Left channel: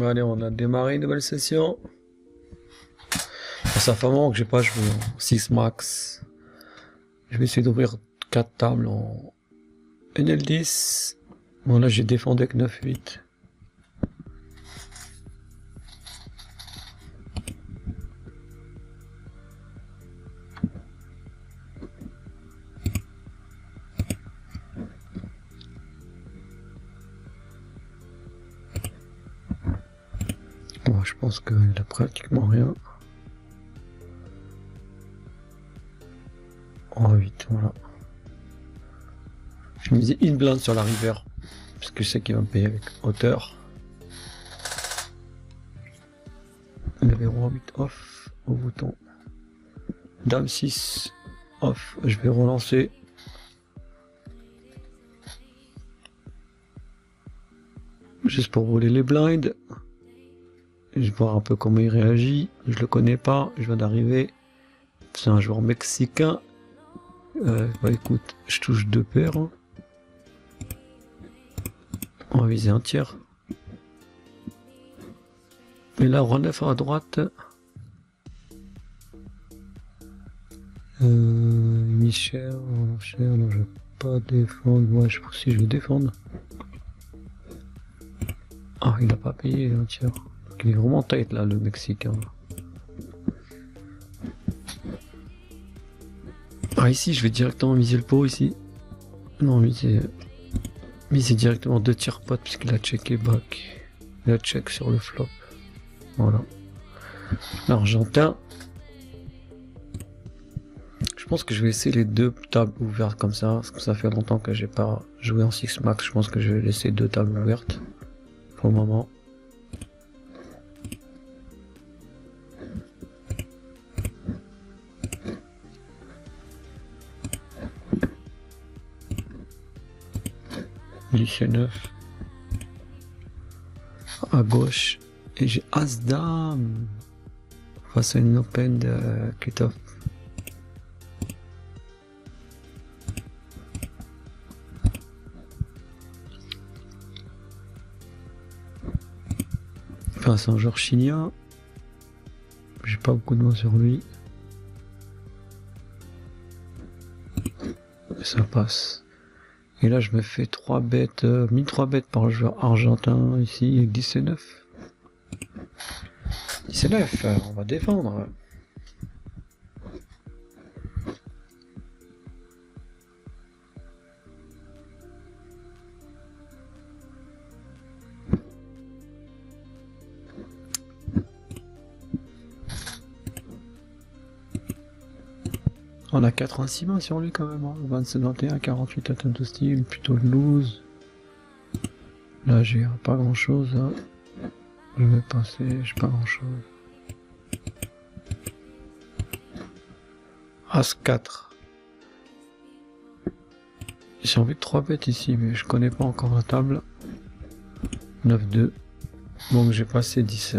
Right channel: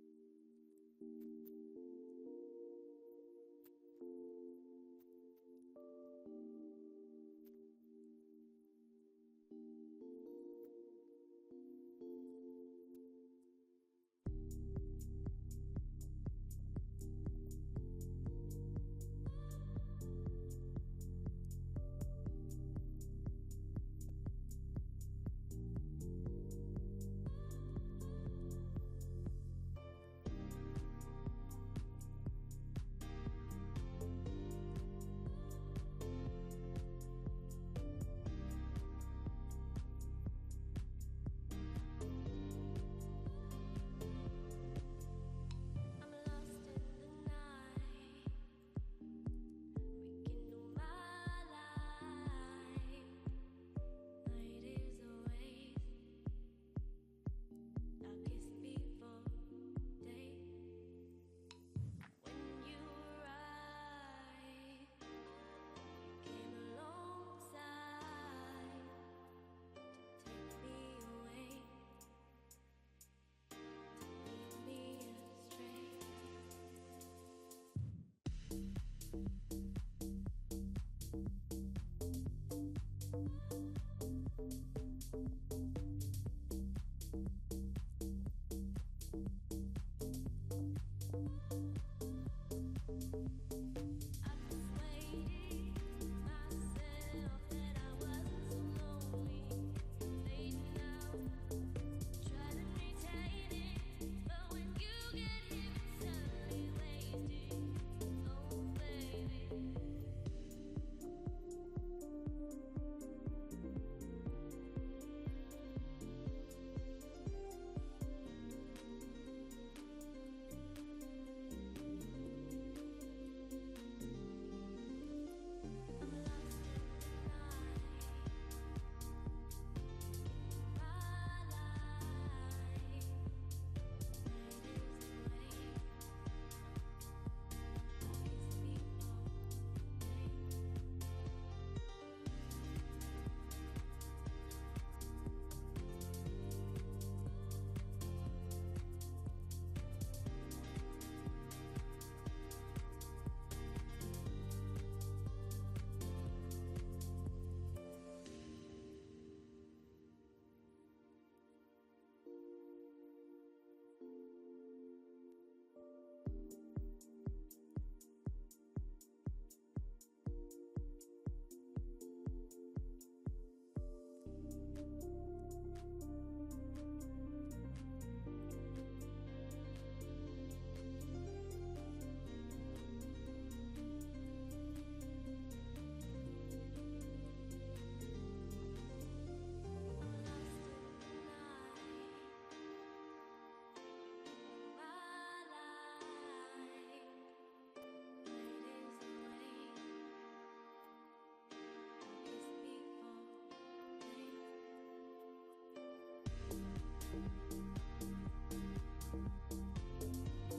Bon, allez, on a démarré une nouvelle session. Ça fait un moment que j'ai pas joué en 6 max. Je vais essayer d'ouvrir 4 tables en NL10. Bon, là j'ai défendu avec 9-8. Bon, je pense qu'il a pratiquement rien. En 8, voilà. Je misais une blinde sur la river, parce que je sais qu'il va me payer avec hauteur. Le roi 8 off au bouton. Dame 6 off, je vais relancer. Juste pour voler les blinds. Je vais voir un peu comment il réagit. Je le connais pas, je viens d'arriver. C'est un joueur mexicain. Bah écoute, je touche 2 paires. On va viser un tiers. Et là, roi 9 à droite. Michel, non, je vais pas défendre. Moi, je pense que je vais défendre. Ah, il a pas payé un tiers. Il est vraiment tight là, le Mexicain. Ah, ici, je vais directement miser le pot ici. Non, miser directement 2 tiers pot puisqu'il a checké back. Il a check sur le flop. Voilà. L'Argentin. Je pense que je vais laisser les 2 tables ouvertes comme ça, parce que ça fait longtemps que j'ai pas joué en 6 max. Je pense que je vais laisser 2 tables ouvertes pour le moment. Lycée 9 à gauche et j'ai As-Dame face à une open de cut-off. Enfin, c'est un joueur chilien. J'ai pas beaucoup de mots sur lui. Et ça passe. Et là, je me fais 3 bêtes, 1003 bêtes par le joueur argentin ici avec 19. 19, on va défendre. On a 86 mains sur lui quand même, hein. 27, 21, 48 atteinte de style, plutôt loose. Là j'ai pas grand chose, hein. Je vais passer, j'ai pas grand chose. As 4. J'ai envie de 3 bêtes ici, mais je connais pas encore la table. 9-2. Donc j'ai passé 10.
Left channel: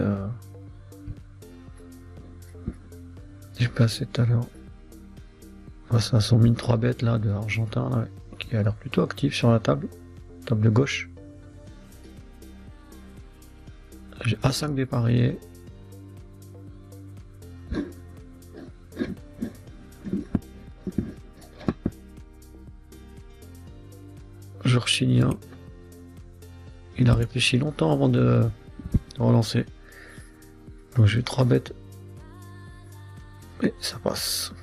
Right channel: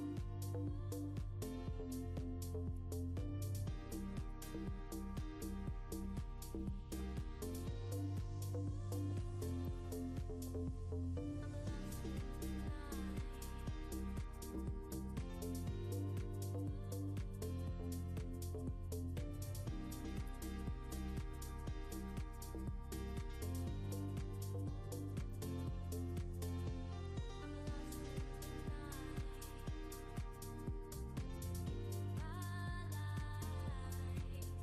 J'ai passé tout à l'heure. Ça sont mis 3 bêtes là de Argentin là, qui a l'air plutôt actif sur la table. Table gauche. J'ai A5 dépareillé. Joueur chilien. Il a réfléchi longtemps avant de relancer. Donc j'ai 3 bêtes. Et ça passe.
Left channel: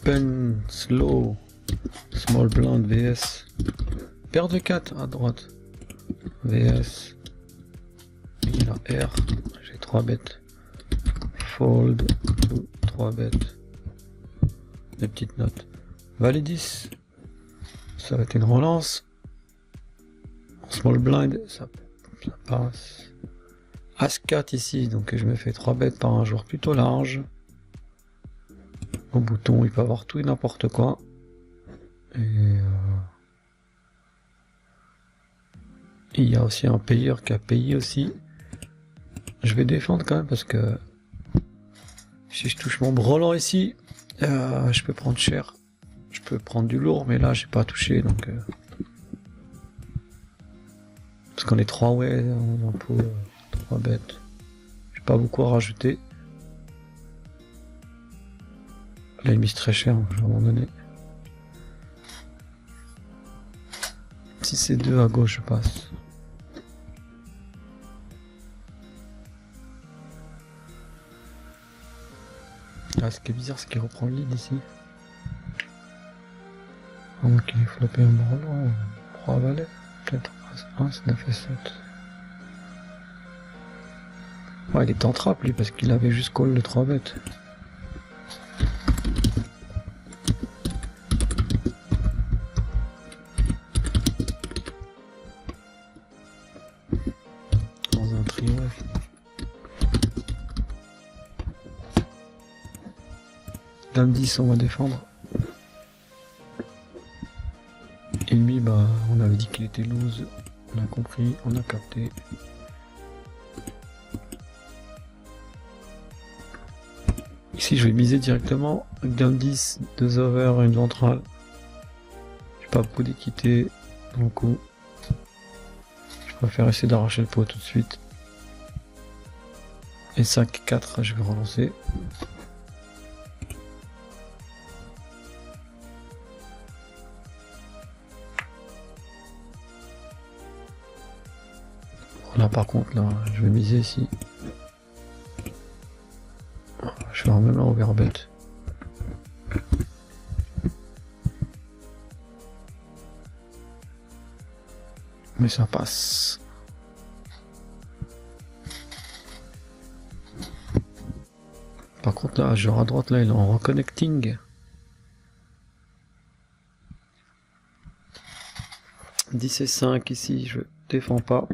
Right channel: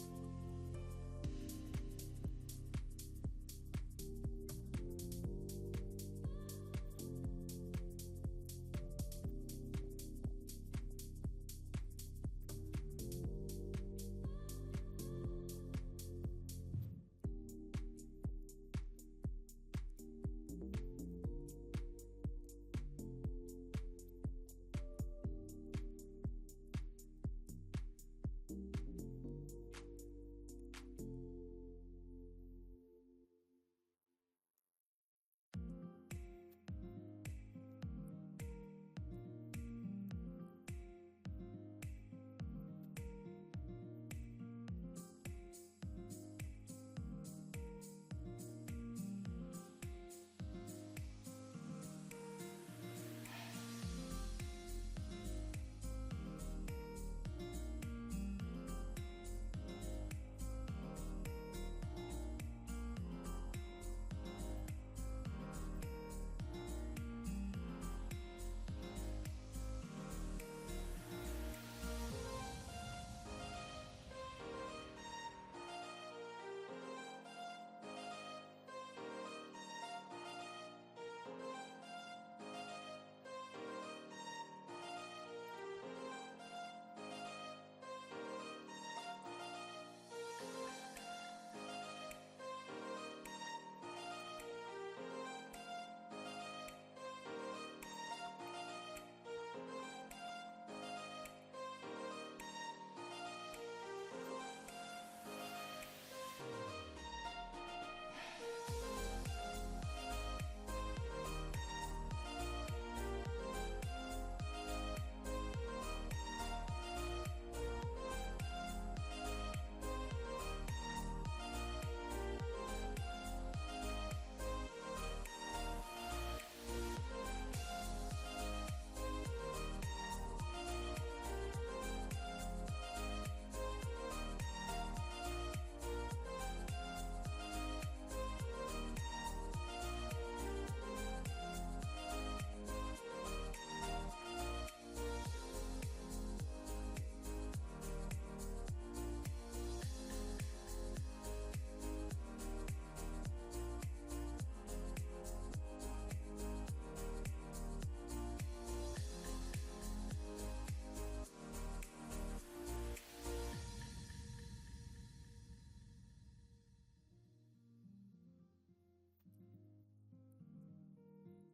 Open, slow, small blind, VS. Paire de 4 à droite. VS. Il a R. J'ai 3 bêtes. Fold, 3 bêtes. Des petites notes. Valet 10. Ça va être une relance. Small blind, ça passe. As 4 ici, donc je me fais 3 bêtes par un joueur plutôt large. Au bouton, il peut avoir tout et n'importe quoi. Et il y a aussi un payeur qui a payé aussi. Je vais défendre quand même parce que si je touche mon brelan ici, je peux prendre cher. Je peux prendre du lourd, mais là j'ai pas touché donc. Parce qu'on est 3 ouais, on est un peu 3 bêtes. J'ai pas beaucoup à rajouter. Là il mise très cher, je vais abandonner. Si c'est 2 à gauche, je passe. Ah, ce qui est bizarre, c'est qu'il reprend le lead ici. Ok, flopé un branlo, 3 valets, 4, 1, 9 et 7. Ouais, il est en trappe lui parce qu'il avait juste call de 3 bêtes. Dans un trio. Dame 10, on va défendre. Et lui, bah, on avait dit qu'il était loose. On a compris, on a capté. Ici, je vais miser directement. Dame 10, 2 over, une ventrale. J'ai pas beaucoup d'équité. Dans le coup, je préfère essayer d'arracher le pot tout de suite. Et 5, 4, je vais relancer. Là par contre, là, je vais miser ici. Je vais même un overbet. Mais ça passe. Par contre là, genre à droite là, il est en reconnecting. 10 et 5 ici, je défends pas.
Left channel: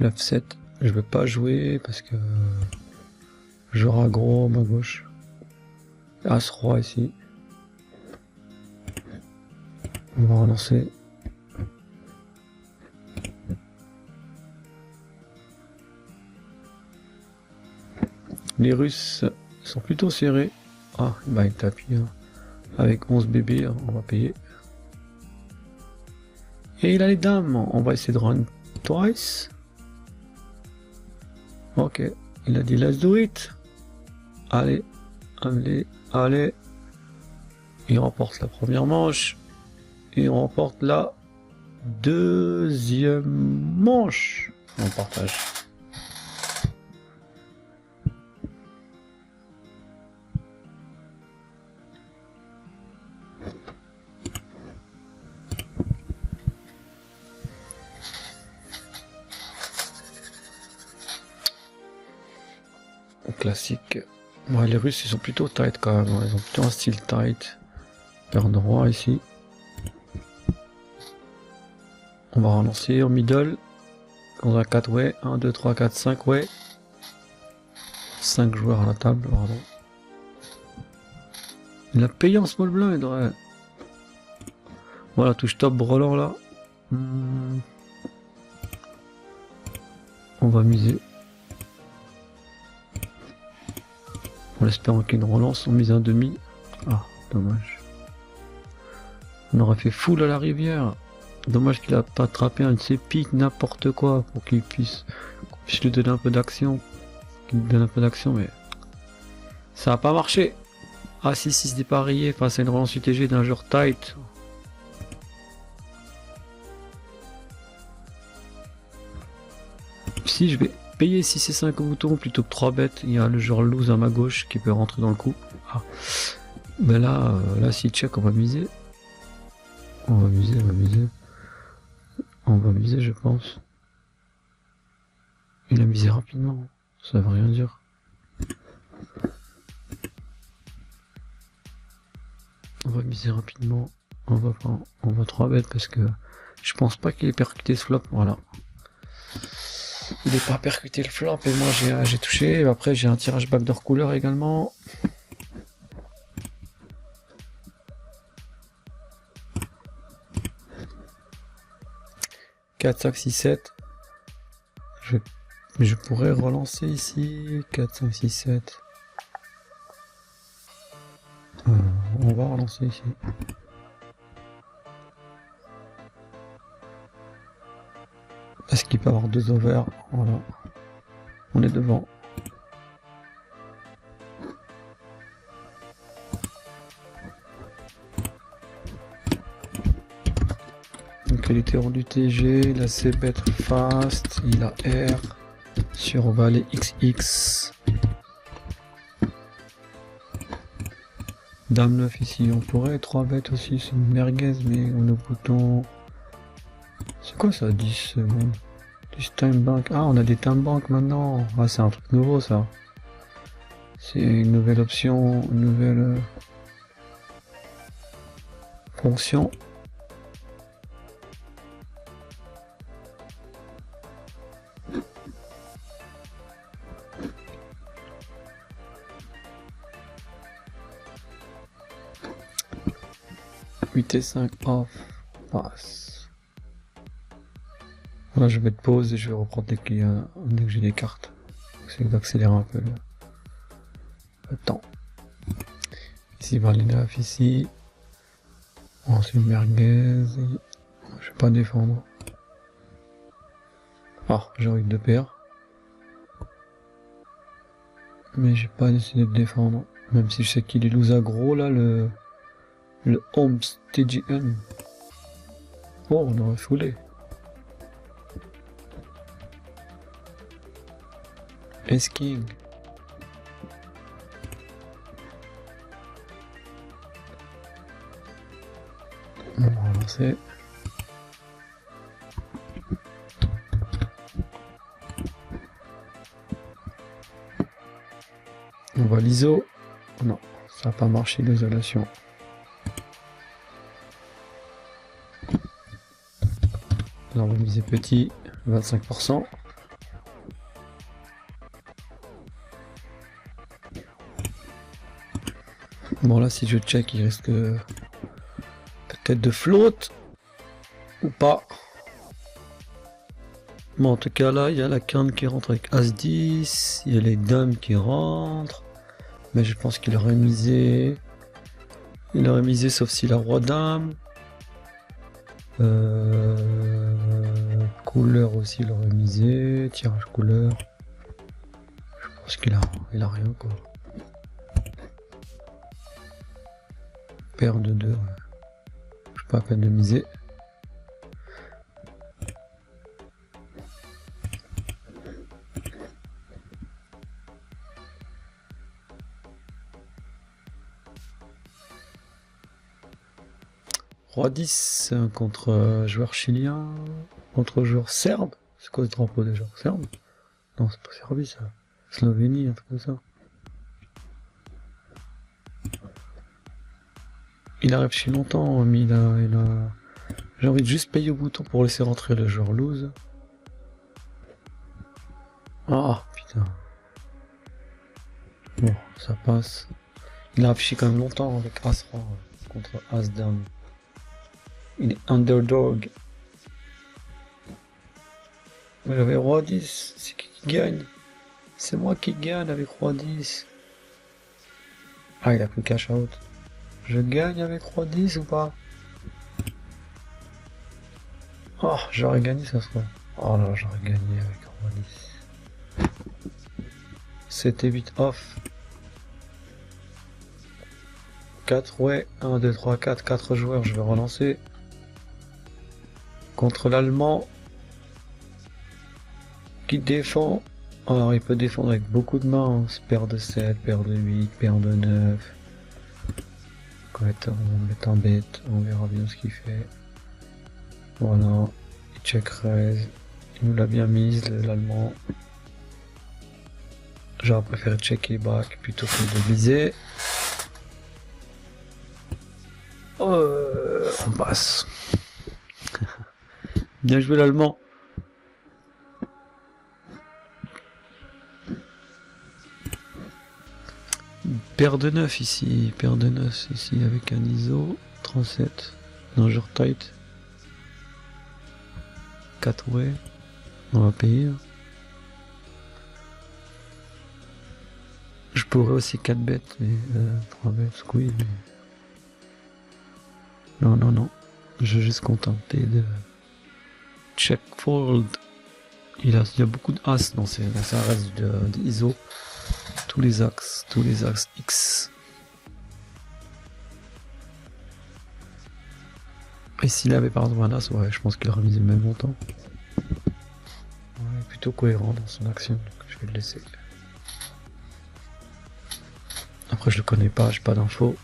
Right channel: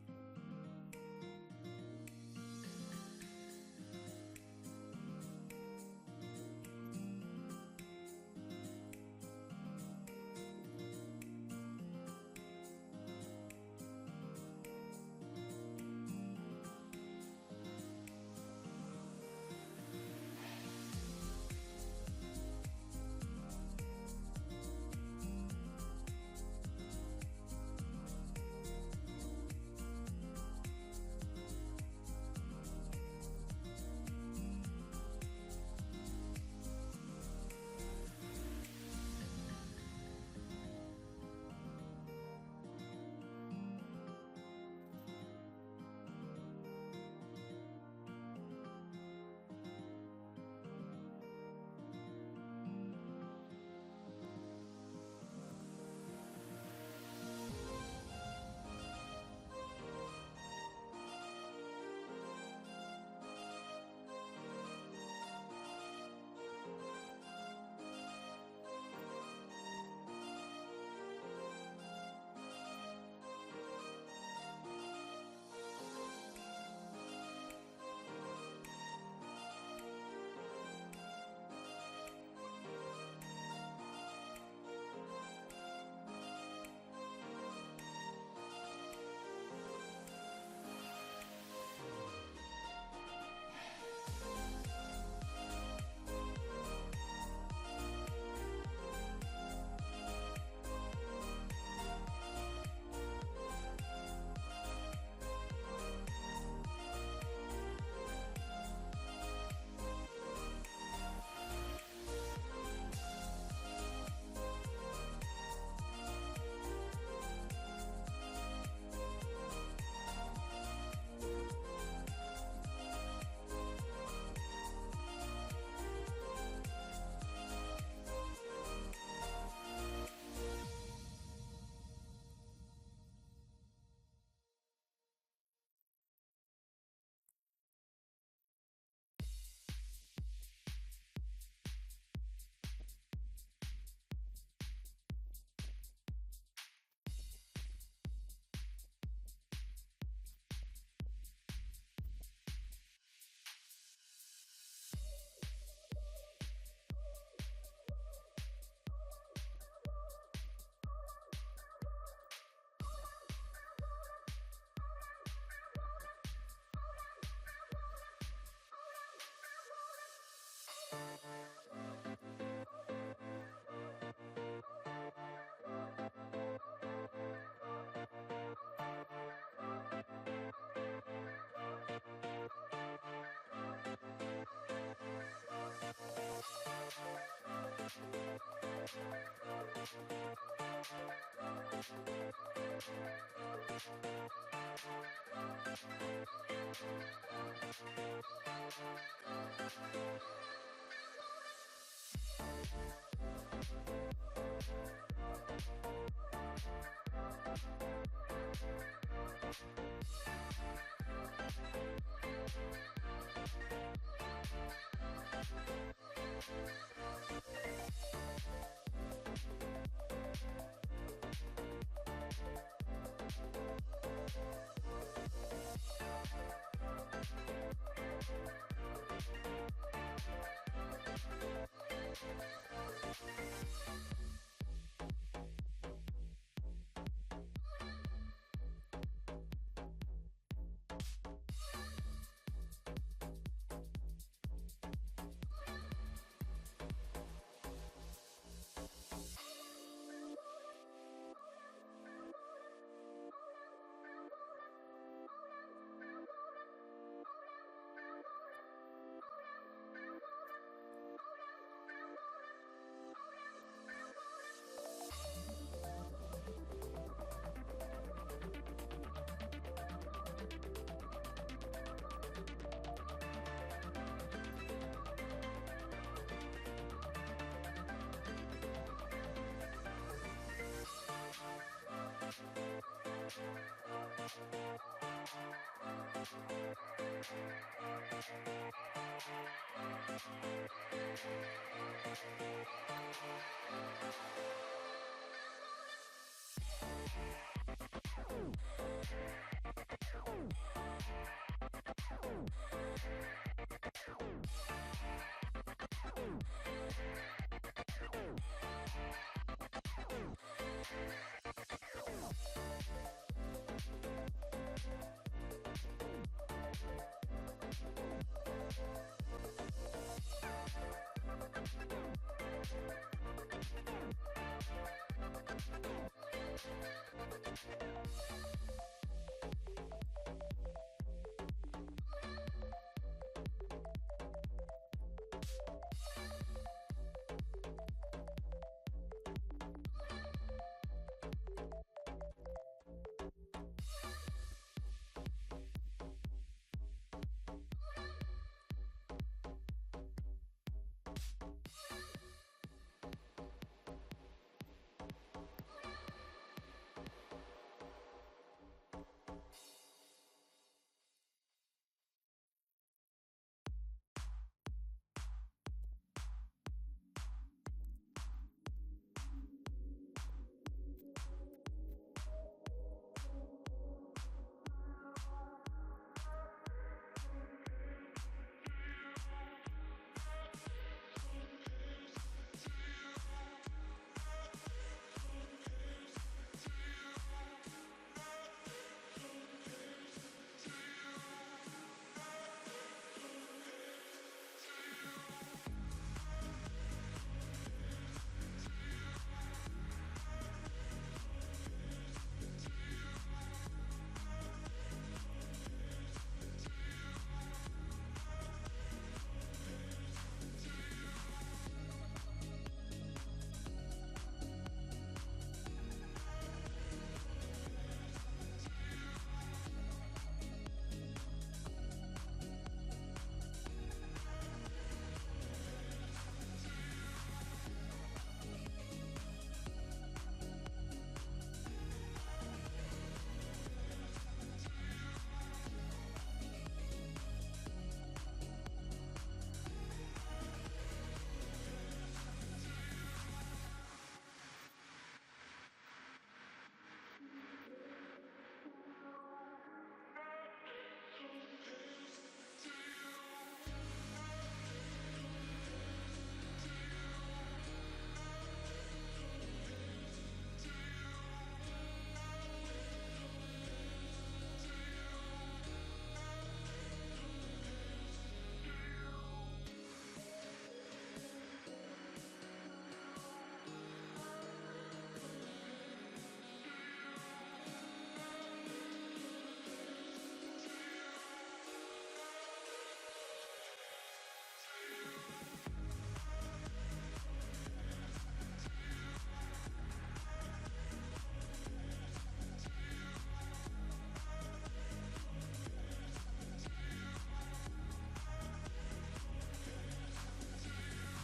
9-7, je veux pas jouer parce que j'aurai gros à ma gauche. As-Roi ici. On va relancer. Les Russes sont plutôt serrés. Ah, bah il tapis. Hein. Avec 11 bébés, hein, on va payer. Et il a les dames. On va essayer de run twice. Ok, il a dit let's do it. Allez, allez, allez. Il remporte la première manche. Et on remporte la deuxième manche. On partage. Classique. Ouais, les Russes ils sont plutôt tight quand même, ils ont plutôt un style tight. Paire de roi ici. On va relancer en middle. On a 4 ouais. 1, 2, 3, 4, 5 ouais. 5 joueurs à la table, pardon. Il a payé en small blind, ouais. Voilà, touche top brelan là. On va miser. En espérant qu'il y ait une relance, on mise un demi. Ah, dommage. On aurait fait full à la rivière. Dommage qu'il a pas attrapé un de ses pics, n'importe quoi, pour qu'il puisse lui donner un peu d'action. Qu'il lui donne un peu d'action, mais ça a pas marché. Ah si, si, c'est parié face à une relance UTG d'un joueur tight. Si je vais payer 6 et 5 au bouton plutôt que 3 bêtes, il y a le joueur loose à ma gauche qui peut rentrer dans le coup. Ah. Mais là, là si check, on va miser. On va miser, on va miser. On va miser, je pense. Il a misé rapidement, ça veut rien dire. On va miser rapidement. On va 3 bêtes parce que je pense pas qu'il ait percuté ce flop, voilà. Il n'est pas percuté le flop et moi j'ai touché. Et après j'ai un tirage backdoor couleur également. « 4, 5, 6, 7. Je vais Je pourrais relancer ici. 4, 5, 6, 7. On va relancer ici. Est-ce qu'il peut avoir 2 over? Voilà. On est devant. Donc il était hors du TG, il a C bet fast, il a R sur valet XX. Dame 9 ici, on pourrait 3 bêtes aussi, c'est une merguez, mais on a bouton. C'est quoi ça, 10 secondes? 10 time bank. Ah, on a des time bank maintenant. Ah, c'est un truc nouveau ça. C'est une nouvelle option, une nouvelle fonction. Et 5 off, passe. Là je vais te pause et je vais reprendre dès que j'ai des cartes. C'est d'accélérer un peu le temps. Ici valet 9 ici. Ensuite merguez. Je vais pas défendre. Ah, j'aurais eu 2 paires. Mais j'ai pas décidé de défendre. Même si je sais qu'il est loose aggro là, le Homesteadian. Oh, on aurait foulé. S-King. On va relancer. On va l'ISO. Non, ça n'a pas marché l'isolation. Là, on va miser petit, 25%. Bon là, si je check, il risque peut-être de float ou pas. Bon, en tout cas là, il y a la quinte qui rentre avec As-10, il y a les dames qui rentrent, mais je pense qu'il aurait misé. Il aurait misé sauf si la roi dame. Couleur aussi, il aurait misé. Tirage couleur. Je pense qu'il a rien quoi. Paire de 2. Je pas à peine de miser. Roi 10 contre joueur chilien, contre joueur serbe. C'est quoi ce drapeau déjà? Serbe? Non, c'est pas Serbie ça. Slovénie, un truc comme ça. Il arrive chez longtemps, mais il a... J'ai envie de juste payer au bouton pour laisser rentrer le joueur loose. Ah putain. Bon, ça passe. Il a affiché quand même longtemps avec As roi contre As dame. Il est underdog. J'avais roi 10, c'est qui gagne? C'est moi qui gagne avec roi 10. Ah, il a plus cash out. Je gagne avec roi 10 ou pas? Oh, j'aurais gagné ça serait. Oh là, j'aurais gagné avec roi 10. 7 et 8 off. 4, ouais. 1, 2, 3, 4, 4 joueurs, je vais relancer. Contre l'Allemand. Qui défend. Alors il peut défendre avec beaucoup de mains. Paire de 7, paire de 8, paire de 9. On va mettre en bête, on verra bien ce qu'il fait. Voilà, check raise. Il nous l'a bien mise, l'Allemand. J'aurais préféré checker back plutôt que de viser. On passe. Bien joué l'Allemand. Paire de 9 ici, paire de 9 ici avec un ISO 37. Non, je tight. 4 ouais. On va payer. pourrais aussi 4 bêtes et 3 bêtes squeeze. Mais... Non, non, non. Je vais juste contenter de check fold. Il y a beaucoup de as dans ça reste de ISO. Tous les axes X. Et s'il avait par exemple un as, ouais, je pense qu'il aurait misé le même montant. Ouais, plutôt cohérent dans son action, donc je vais le laisser. Après je le connais pas, j'ai pas d'infos.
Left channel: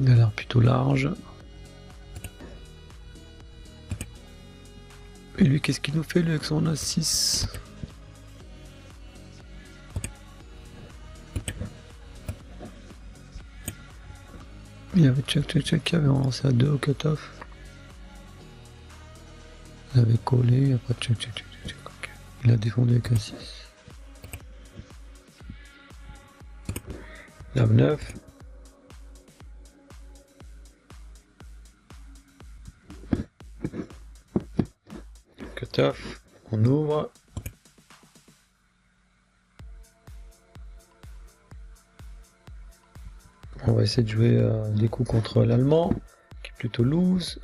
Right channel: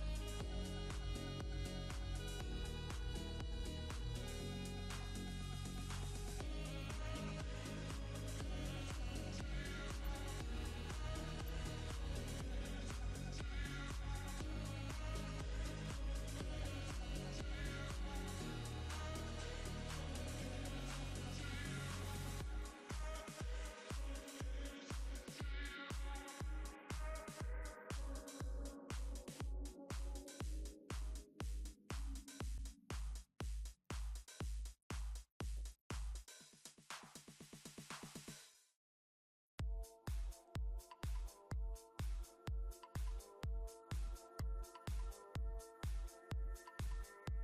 Il a l'air plutôt large. Et lui, qu'est-ce qu'il nous fait lui avec son A6? Il y avait check qui avait avancé à 2 au cutoff. Il avait collé, il n'y a pas de check. Okay. Il a défendu avec un 6. Dame 9. Cutoff. On ouvre. On va essayer de jouer des coups contre l'allemand, qui est plutôt loose.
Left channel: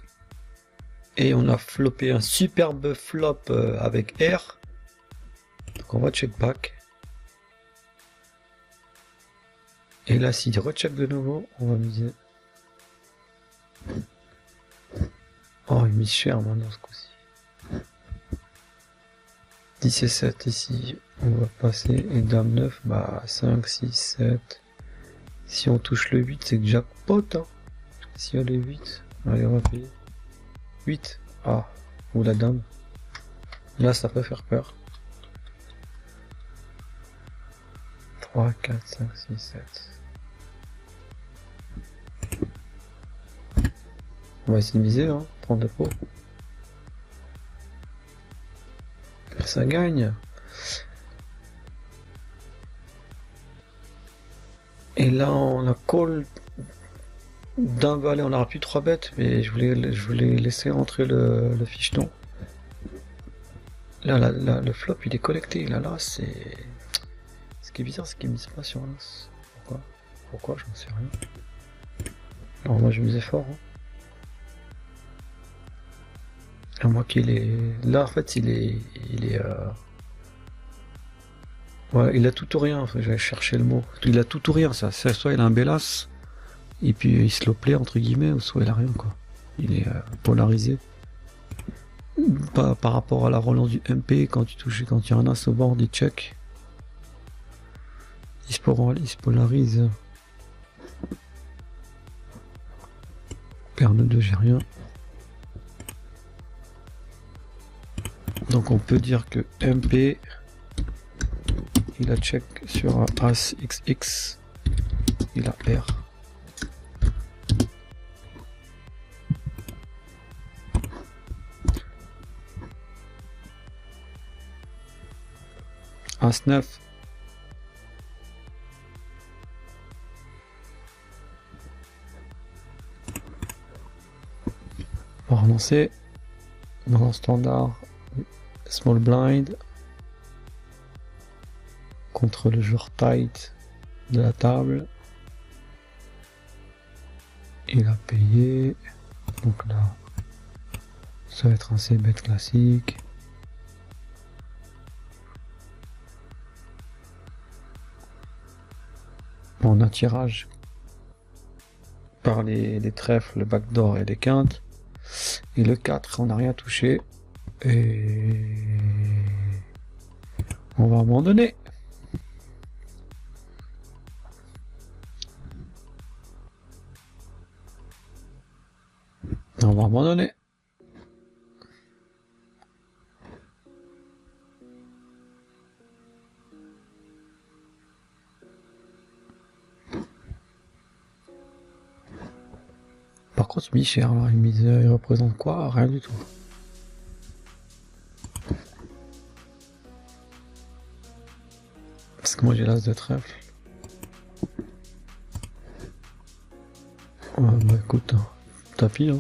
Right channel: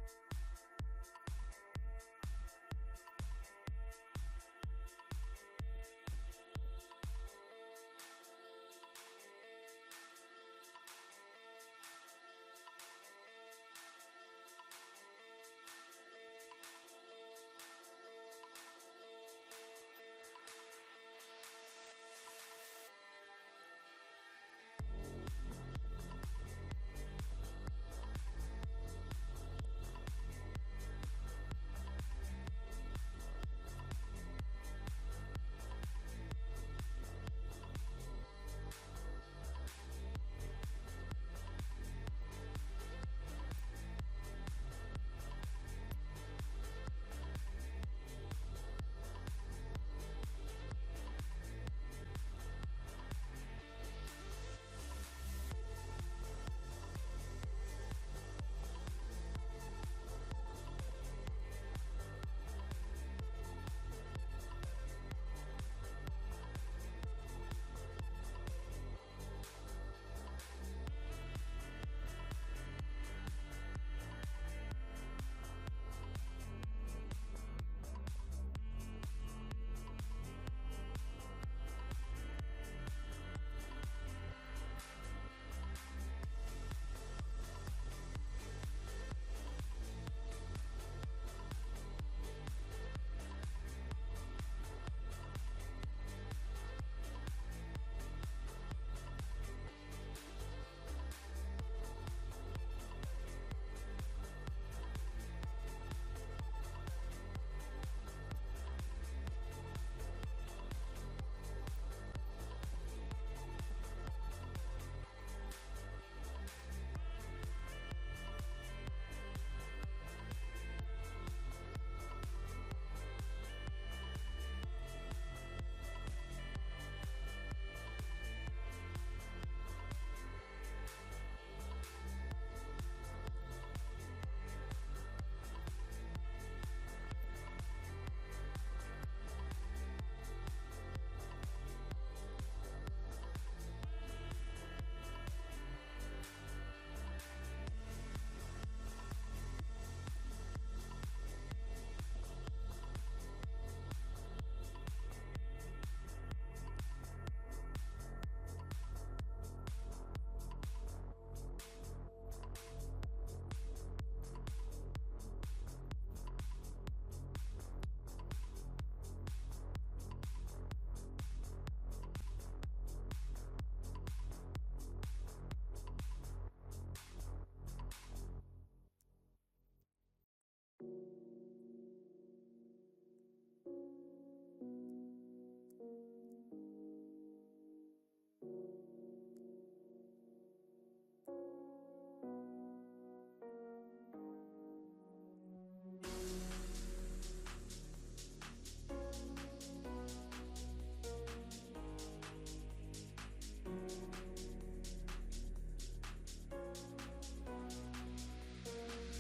Et on a flopé un superbe flop avec R. Donc on va check back. Et là, s'il recheck de nouveau, on va miser. Oh, il mise cher maintenant ce coup-ci. 10 et 7 ici, on va passer. Et dame 9, bah 5, 6, 7. Si on touche le 8, c'est jackpot. Hein. Si on a le 8, allez, on va payer. 8. Ah, ou la dame. Là, ça peut faire peur. 3, 4, 5, 6, 7. On va essayer de miser, hein, prendre le pot. Ça gagne. Et là, on a call d'un valet, on aura plus 3 bêtes, mais je voulais laisser rentrer le ficheton. Là, le flop, il est collecté. Là, c'est... Ce qui est bizarre, c'est qu'il mise pas sur l'as. Pourquoi je ne sais rien. Alors moi, je misais fort. Hein. À moins qu'il est... Là, en fait, il est voilà, il a tout ou rien, j'allais chercher le mot. Il a tout ou rien, ça. Soit il a un bel as, et puis il slow play, entre guillemets, ou soit il a rien, quoi. Il est polarisé. Par rapport à la relance du MP, quand il y a un as au board, il check. Il se polarise. Paire de 2, j'ai rien. Donc on peut dire que MP, il a check sur un As XX, il a R. As 9. On va relancer dans un standard small blind contre le joueur tight de la table. Il a payé, donc là ça va être un c-bet classique. On a tirage par les trèfles, le backdoor et les quintes. Et le 4, on n'a rien touché. Et on va abandonner. On va abandonner. Par contre, il mise cher, là. Il représente quoi? Rien du tout. Parce que moi j'ai l'as de trèfle. Ouais, bah écoute, tapis, hein.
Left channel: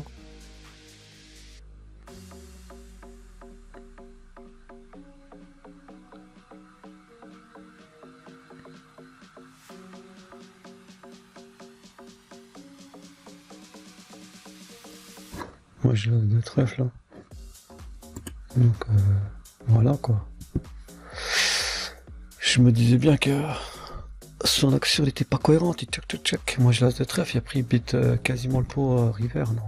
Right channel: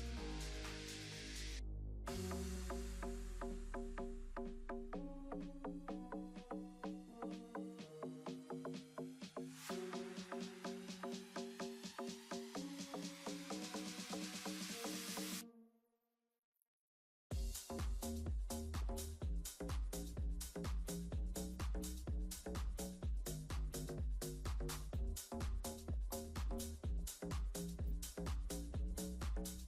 Moi je lance de trèfle là. Donc voilà quoi. Je me disais bien que son action n'était pas cohérente, il tchac. Moi je lance de trèfle, et après il bite quasiment le pot river, non.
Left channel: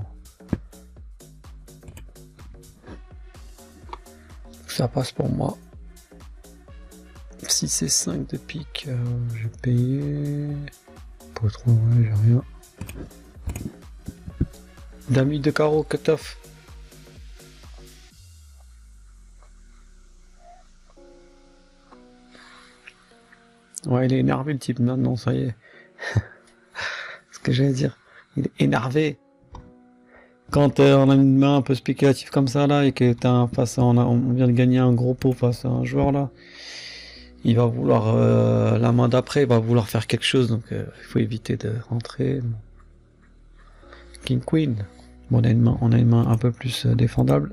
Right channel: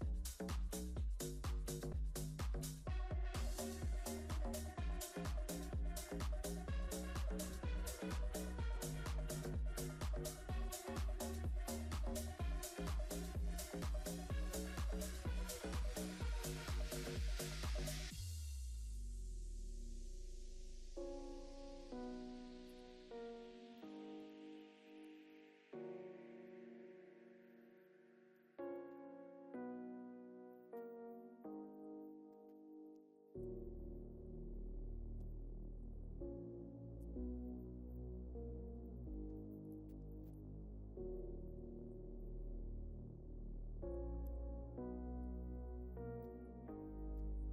Ça passe pour moi. 6 et 5 de pique, je vais payer. Pas trop, ouais, j'ai rien. Dami de carreau, cut-off. Ouais, il est énervé le type maintenant, ça y est. Ce que j'allais dire. Il est énervé. Quand on a une main un peu spéculative comme ça là et que on vient de gagner un gros pot face à un joueur là, il va vouloir la main d'après, il va vouloir faire quelque chose, donc il faut éviter de rentrer. King Queen. Bon, on a une main un peu plus défendable.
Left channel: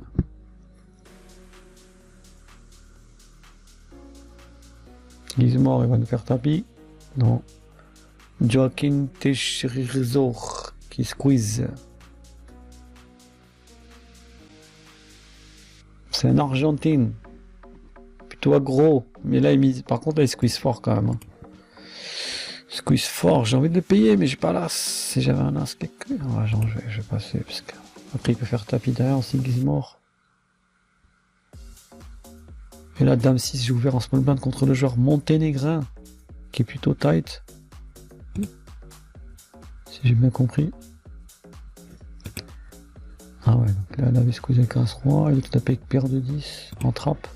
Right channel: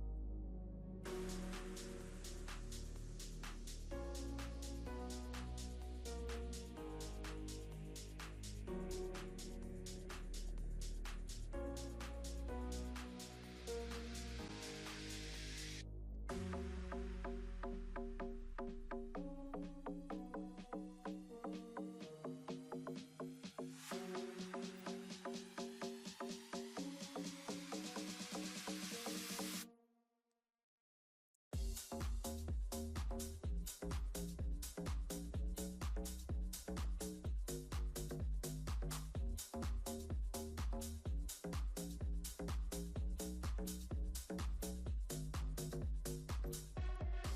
Gizmore, il va nous faire tapis. Non. Joaquin Teixeira qui squeeze. C'est un Argentine. Plutôt aggro. Mais là, par contre, là, il squeeze fort quand même. Squeeze fort. J'ai envie de le payer, mais j'ai pas l'as. Si j'avais un as, ouais, genre, je vais passer. Parce que... Après, il peut faire tapis derrière aussi, Gizmore. Et là, Dame 6, j'ai ouvert en small blind contre le joueur monténégrin, qui est plutôt tight. Si j'ai bien compris. Ah ouais, donc là, elle avait squeezé avec As-Roi, il est tapé avec paire de 10 en trappe.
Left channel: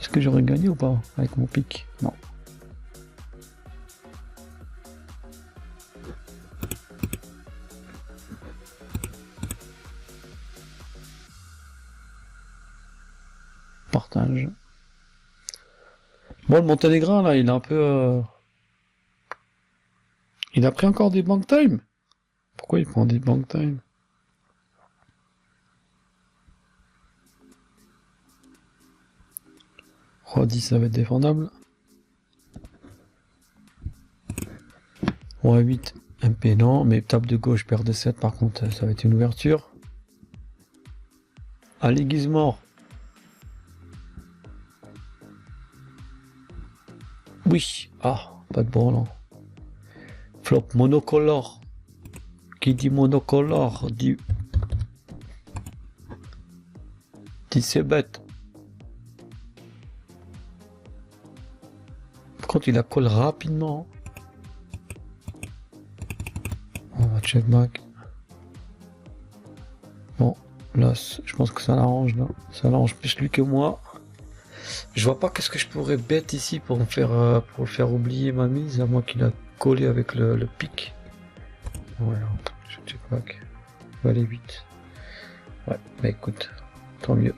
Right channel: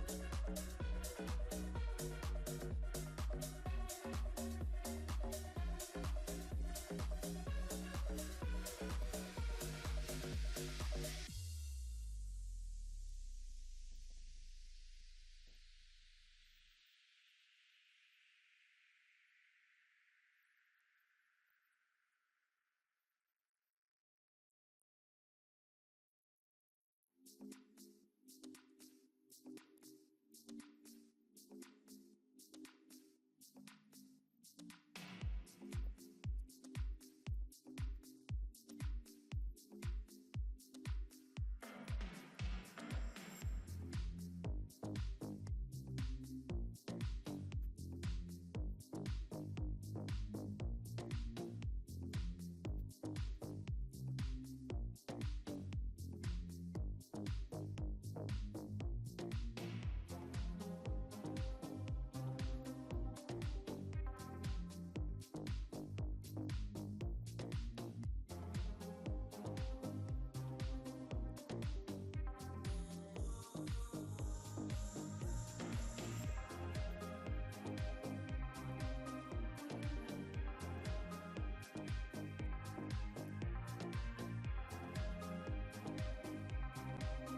Est-ce que j'aurais gagné ou pas avec mon pic? Non. Partage. Bon, le monténégrin, là, il est un peu... Il a pris encore des bank time. Pourquoi il prend des bank time? Roi 10, ça va être défendable. Roi 8, MP non, mais table de gauche, paire de 7, par contre, ça va être une ouverture. Allez, Gizmore. Oui. Ah, pas de brelan. Flop monocolore. Qui dit monocolore dit c'est bête. Par contre, il la colle rapidement. On va check back. Bon, là, je pense que ça l'arrange là. Ça l'arrange plus lui que moi. Je vois pas qu'est-ce que je pourrais bête ici pour me faire oublier ma mise, à moins qu'il a collé avec le pic. Ouais, je check back. On va aller 8. Ouais, bah écoute, tant mieux.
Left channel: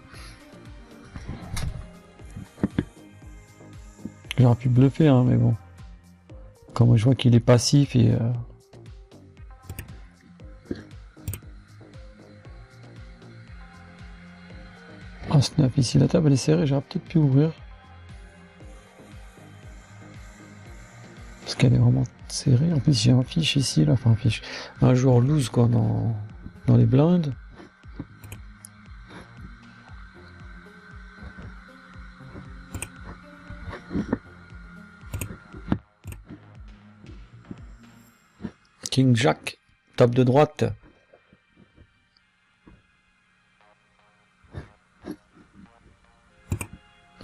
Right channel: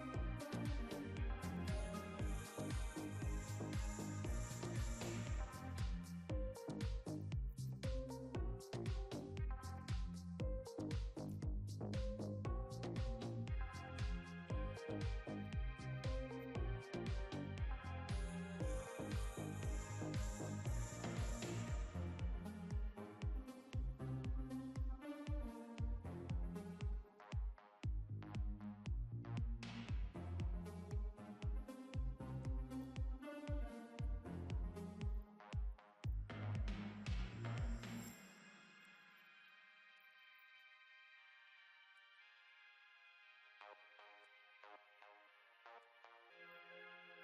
J'aurais pu bluffer, hein, mais bon. Quand je vois qu'il est passif et... Ah, snap, ici, la table elle est serrée, j'aurais peut-être pu ouvrir. Parce qu'elle est vraiment serrée. En plus, j'ai un fiche ici, là, enfin un fiche. Un joueur loose, quoi, dans les blindes. King Jack, table de droite.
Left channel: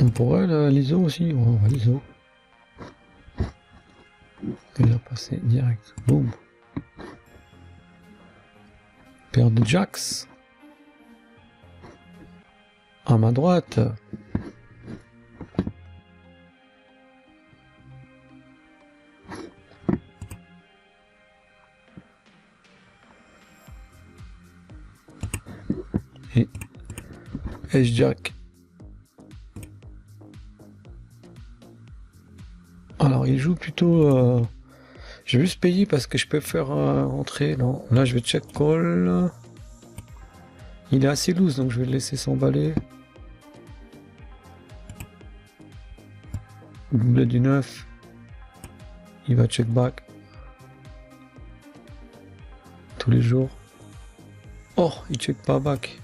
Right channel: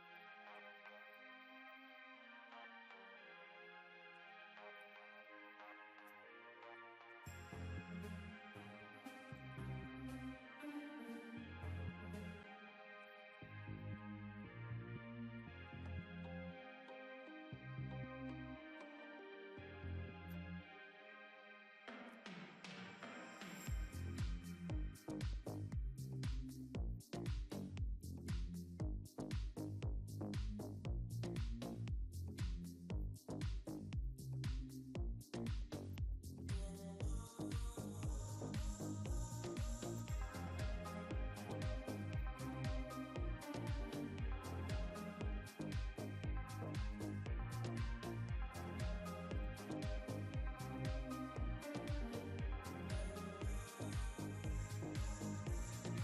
On pourrait l'ISO aussi, on va l'ISO. Il a passé direct. Boum. Paire de jacks. À ma droite. Et S-Jack. Alors il joue plutôt... Je vais juste payer parce que je peux faire entrer. Non, là je vais check call. Il est assez loose donc je vais le laisser s'emballer. Double du 9. Il va check back. tous les jours. Oh, il check pas back.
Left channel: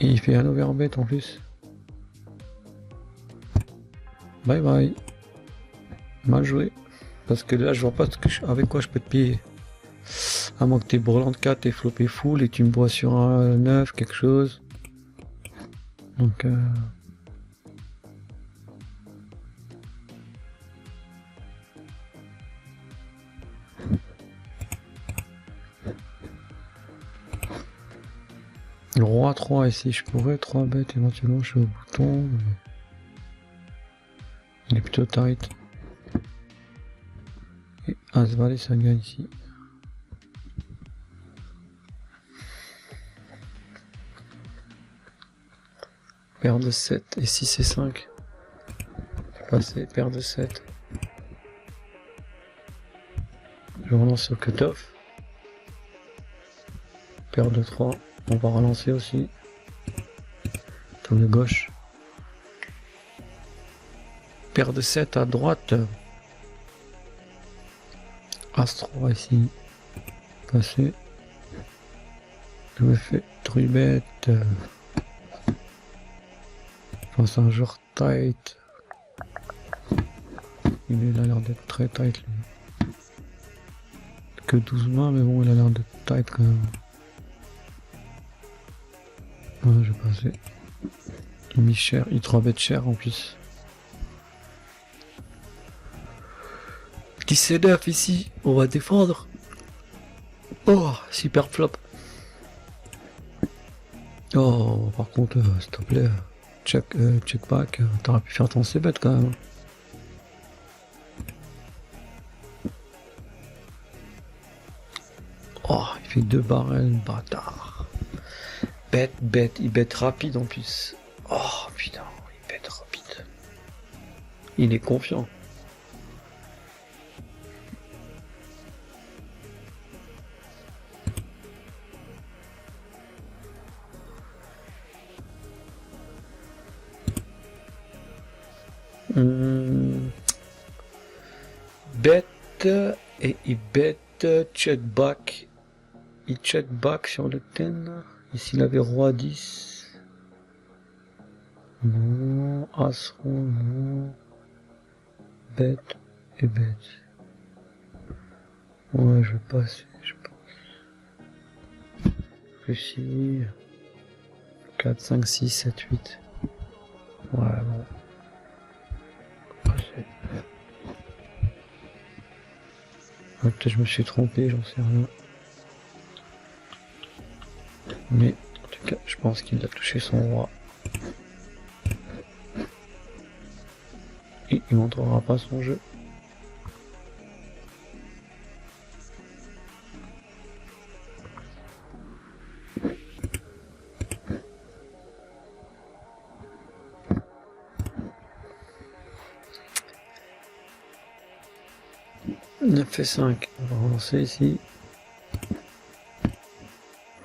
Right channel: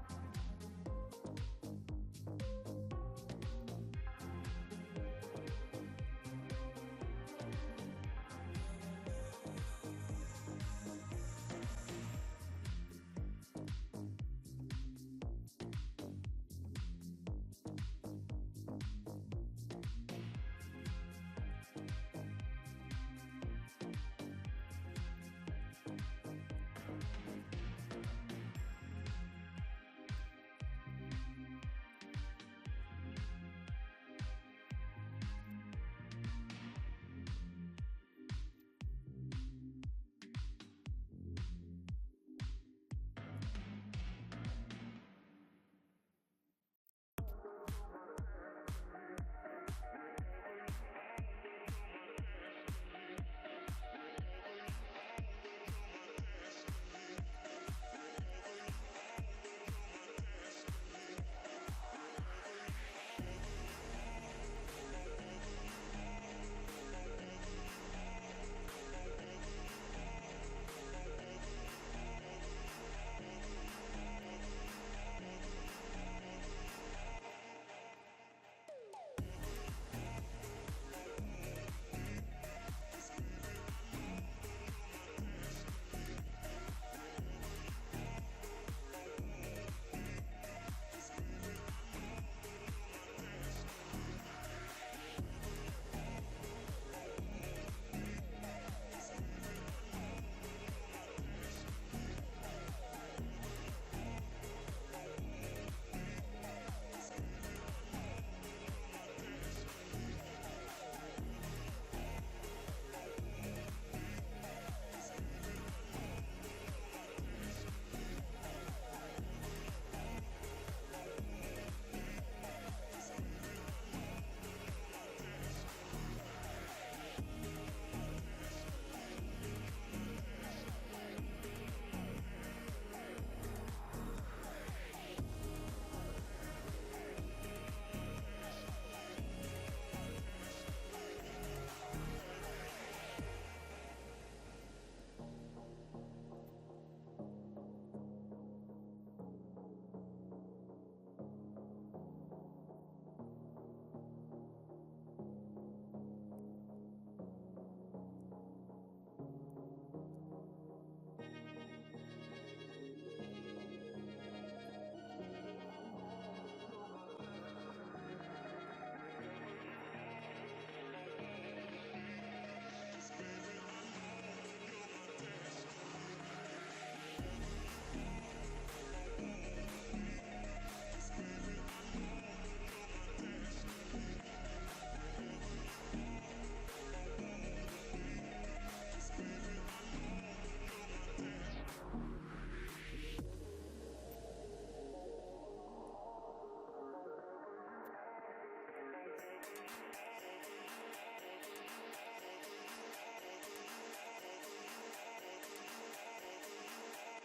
Et il fait un overbet en plus. Bye bye. Mal joué. Parce que là je vois pas avec quoi je peux te piller. À moins que t'es brûlant de 4 et flopé full et tu me bois sur un 9, quelque chose. Donc le roi 3 ici, je pourrais 3 bêtes éventuellement, je suis au bouton. Mais... il est plutôt tight. Et As valet ça gagne ici. Paire de 7 et 6 et 5. Passer, paire de 7. Je relance sur cutoff. Paire de 3. On va relancer aussi. Tour de gauche. Paire de 7 à droite. As 3 ici. Passer. Je me fais truibette. C'est un joueur tight. Il a l'air d'être très tight lui. Que 12 mains mais bon il a l'air d'être tight quand même. Ouais, je vais passer. Il a mis cher, il 3 bêtes cher en plus. Petit C9 ici, on va défendre. Oh, super flop. Oh, par contre, s'il te plaît, check back, t'aurais pu faire ton C-bet quand même. Oh, il fait 2 barrels, bâtard. Bête, il bête rapide en plus. Oh putain, il bête rapide. Il est confiant. Bête et il bête check back. Il check back sur le 10. Ici il avait roi 10. Non, as roi, non. Bête et bête. Ouais, je vais passer, je pense. Plus ici. 4, 5, 6, 7, 8. Voilà. Peut-être je me suis trompé, j'en sais rien. Mais en tout cas, je pense qu'il a touché son roi. Et il montrera pas son jeu. Neuf et 5, on va relancer ici.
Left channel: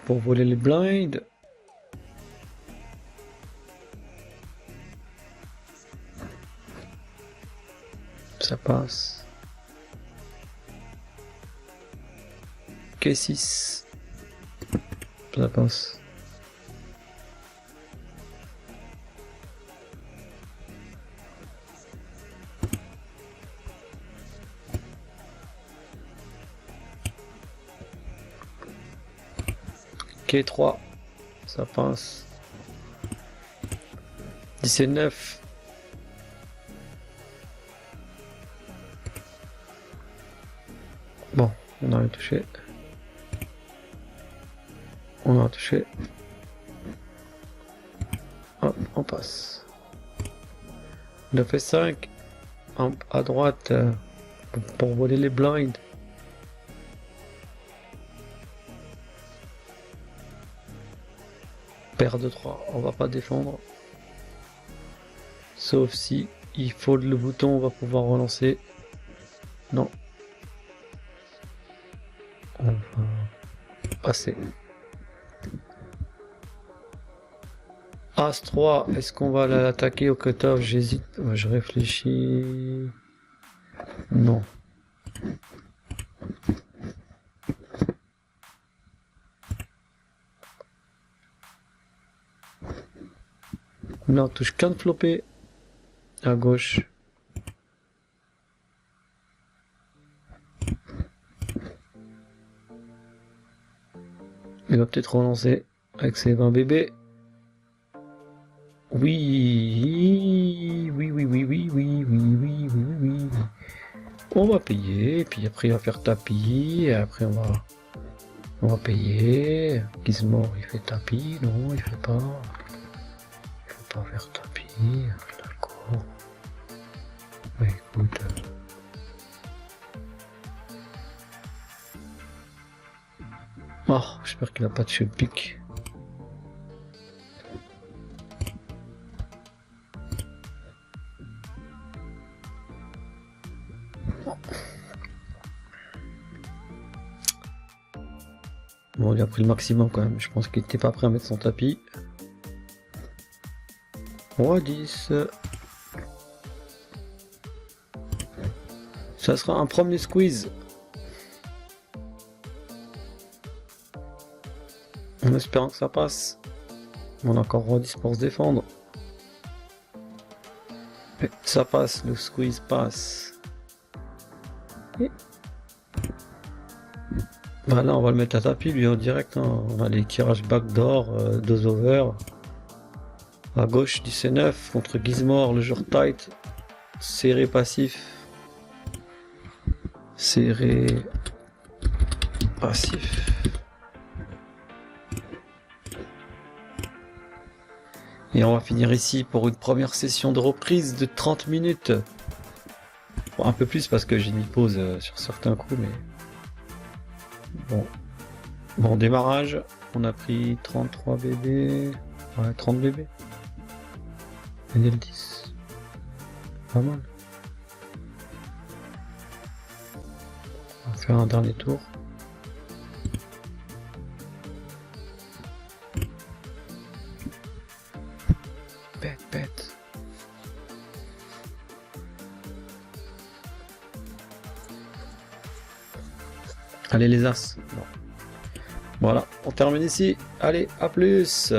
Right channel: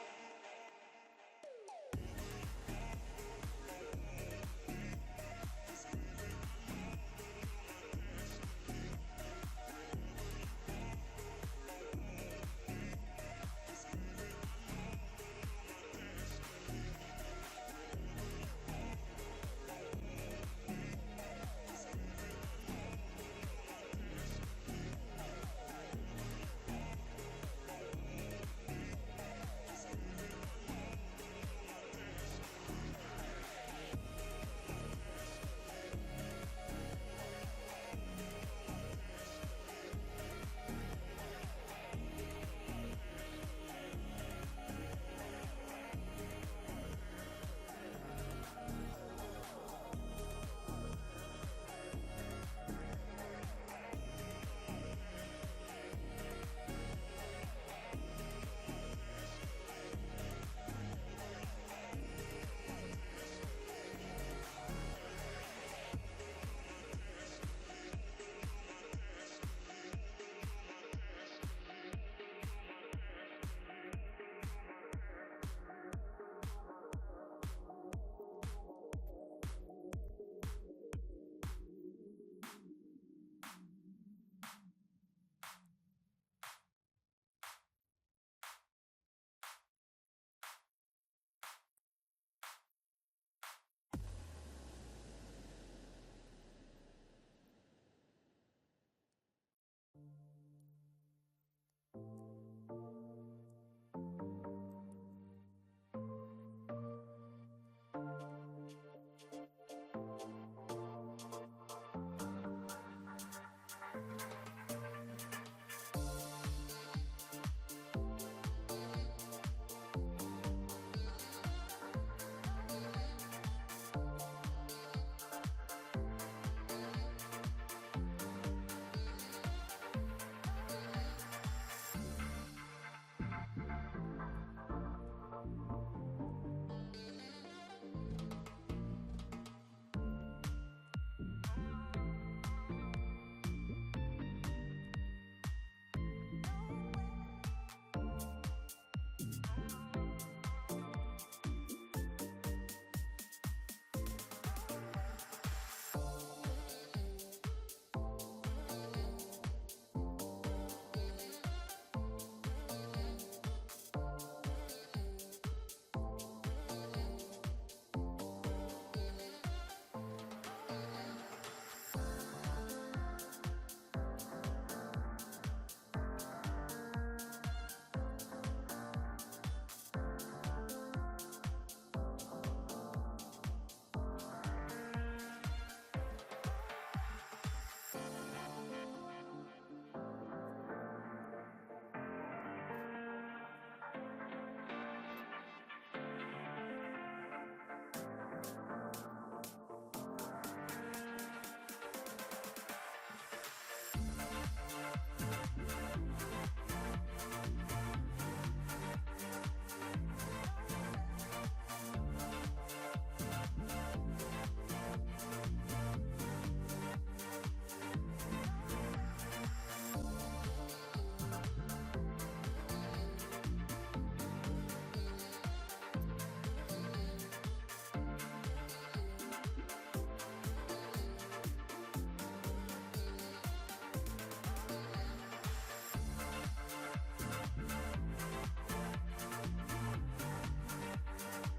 Pour voler les blinds. Ça passe. K6. Ça passe. K3. Ça passe. 19. Bon, on a touché. On a touché. Hop, on passe. 9 et 5. À droite pour voler les blinds. Paire de 3, on va pas défendre. Sauf si il faut le bouton, on va pouvoir relancer. Non. On va passer. As 3, est-ce qu'on va l'attaquer au cutoff? J'hésite, je réfléchis. Non. Là on touche qu'un flopé à gauche. Il va peut-être relancer avec ses 20 bébés. Oui, oui, oui, oui, oui, oui, oui, oui, oui, oui. On va payer, et puis après il va faire tapis, et après on va payer. Gizmo il fait tapis, non il fait pas. Il faut pas faire tapis, d'accord. Ouais, écoute. Oh, j'espère qu'il n'a pas de cheveux pique. Bon, il a pris le maximum quand même. Je pense qu'il était pas prêt à mettre son tapis. Roi 10. Ça sera un premier squeeze. En espérant que ça passe. On a encore Roi 10 pour se défendre. Et ça passe, le squeeze passe. Et... bah là on va le mettre à tapis lui en direct. Hein. On a les tirages backdoor, 2 over. À gauche du C9 contre Gizmore, le jour tight. Serré passif. Serré passif. Et on va finir ici pour une première session de reprise de 30 minutes. Bon, un peu plus parce que j'ai mis pause sur certains coups, mais bon. Bon démarrage, on a pris 33 bébés. Ouais, 30 bébés. Et le 10. Pas mal. On va faire un dernier tour. Bête. Allez les as. Bon. Voilà, on termine ici. Allez, à plus.